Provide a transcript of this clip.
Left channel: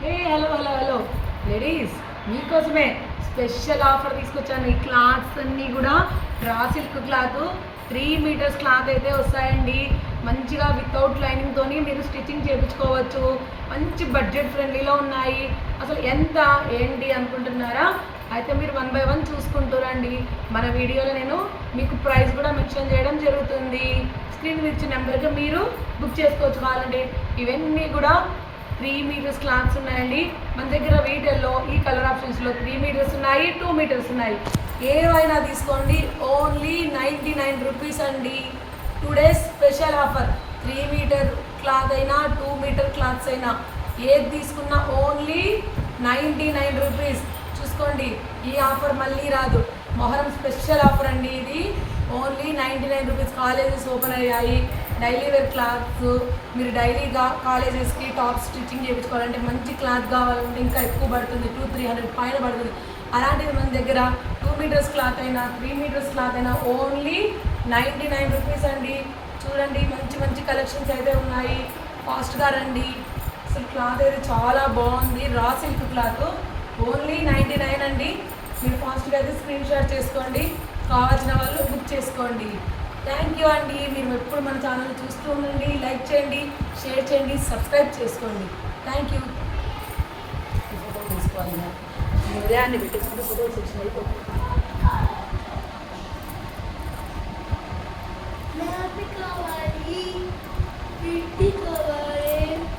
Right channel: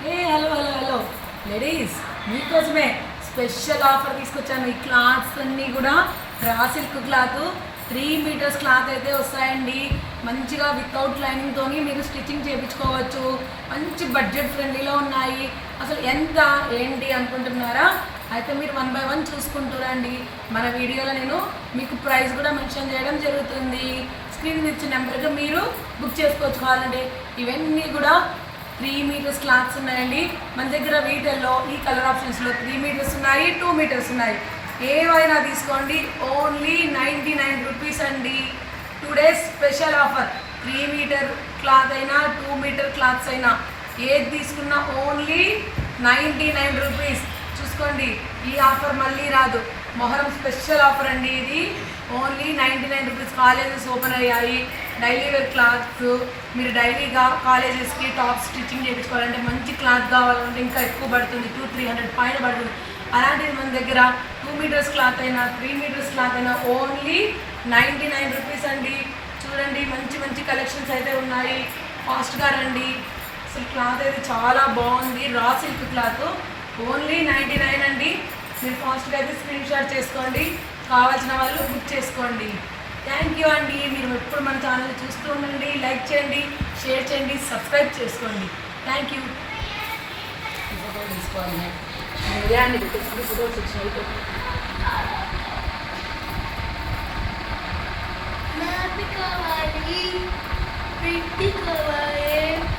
Hello hello hello ladies, మీకోసమే special offer తీసుకొచ్చాను. ఈ క్లాత్స్ అన్నీ కూడా raw silk cloth 3 metres cloth అయితే వస్తాయండి. మంచిగా వితౌట్ లైనింగ్తో మీరు స్టిచ్చింగ్ చేయించుకోవచ్చు. మంచి బడ్జెట్ ఫ్రెండ్లీలో ఉన్నాయి. అసలు ఎంత ఏంటి అనుకుంటున్నారా? అయితే మీరు 1 బై 1 చూసుకుంటారండి. మన వీడియోలో నేను మీకు ప్రైస్ కూడా మెన్షన్ చేయడం జరుగుతుంది. స్క్రీన్ మీద ఇచ్చిన నెంబర్గా మీరు బుక్ చేసుకోవచ్చు. కావాలంటే ఇవన్నీ కూడా 3 మీటర్స్ క్లాత్స్ ఉన్నాయండి మన దగ్గర. వీటిల్లో ఈ కలర్ ఆప్షన్స్లో 3 మీటర్స్ ఉన్నాయి, 2 మీటర్స్ ఉన్నాయి. ఏవైనా తీసుకోండి. ఓన్లీ 99 రూపీస్ అండి. Today's special offer. 3 metre cloth అయినా 2 మీటర్ క్లాత్స్ అయినా ఏది తీసుకున్నా ఓన్లీ 99 రూపీస్. చూసుకోండి, ఈ ఆఫర్ మళ్ళీ రాదు. మొహరం స్పెషల్ ఆఫర్ అండి ఇది. Only 99 rupees. కాలేజెస్ ఓపెన్ అయ్యాయి. డైలీ వేర్ క్లాత్స్ మీరు డైలీగా కాలేజెస్కి టాప్ స్టిచ్చింగ్ చేయించుకోవాలంటే మంచి క్లాత్ కావాలంటే ఇంకా ఎక్కువ పడుతుంది. 200-300 పైన పడుతుంది. అలాంటిది మన దగ్గర 2 మీటర్స్ క్లాత్ అయినా 3 మీటర్స్ క్లాత్ అయినా ఓన్లీ 99 రూపీస్ అండి. చూడండి, మంచి మంచి కలెక్షన్స్ అయితే ఉన్నాయి. ఫాస్ట్గా రండి. అసలు క్లాత్ అయితే చాలా బాగుంది. రా సిల్క్ క్లాత్ ఓన్లీ 99 అండి. మీరు ఫాస్ట్గా అయితే స్క్రీన్ షాట్ చేసుకోండి. కావాల్సిన వాళ్ళు బుక్ చేసుకోండి. థ్యాంక్ యూ అండి. మీరు ఎప్పుడు మన ఛానల్ చూస్తూ ఉండండి. లైక్ చేయండి, షేర్ చేయండి, సబ్స్క్రైబ్ చేసుకోండి. Thank you. ఫోటో తీసుకోవాలి. అండి ఫోటోస్ వచ్చినాయి. కావాలి, కావాలి.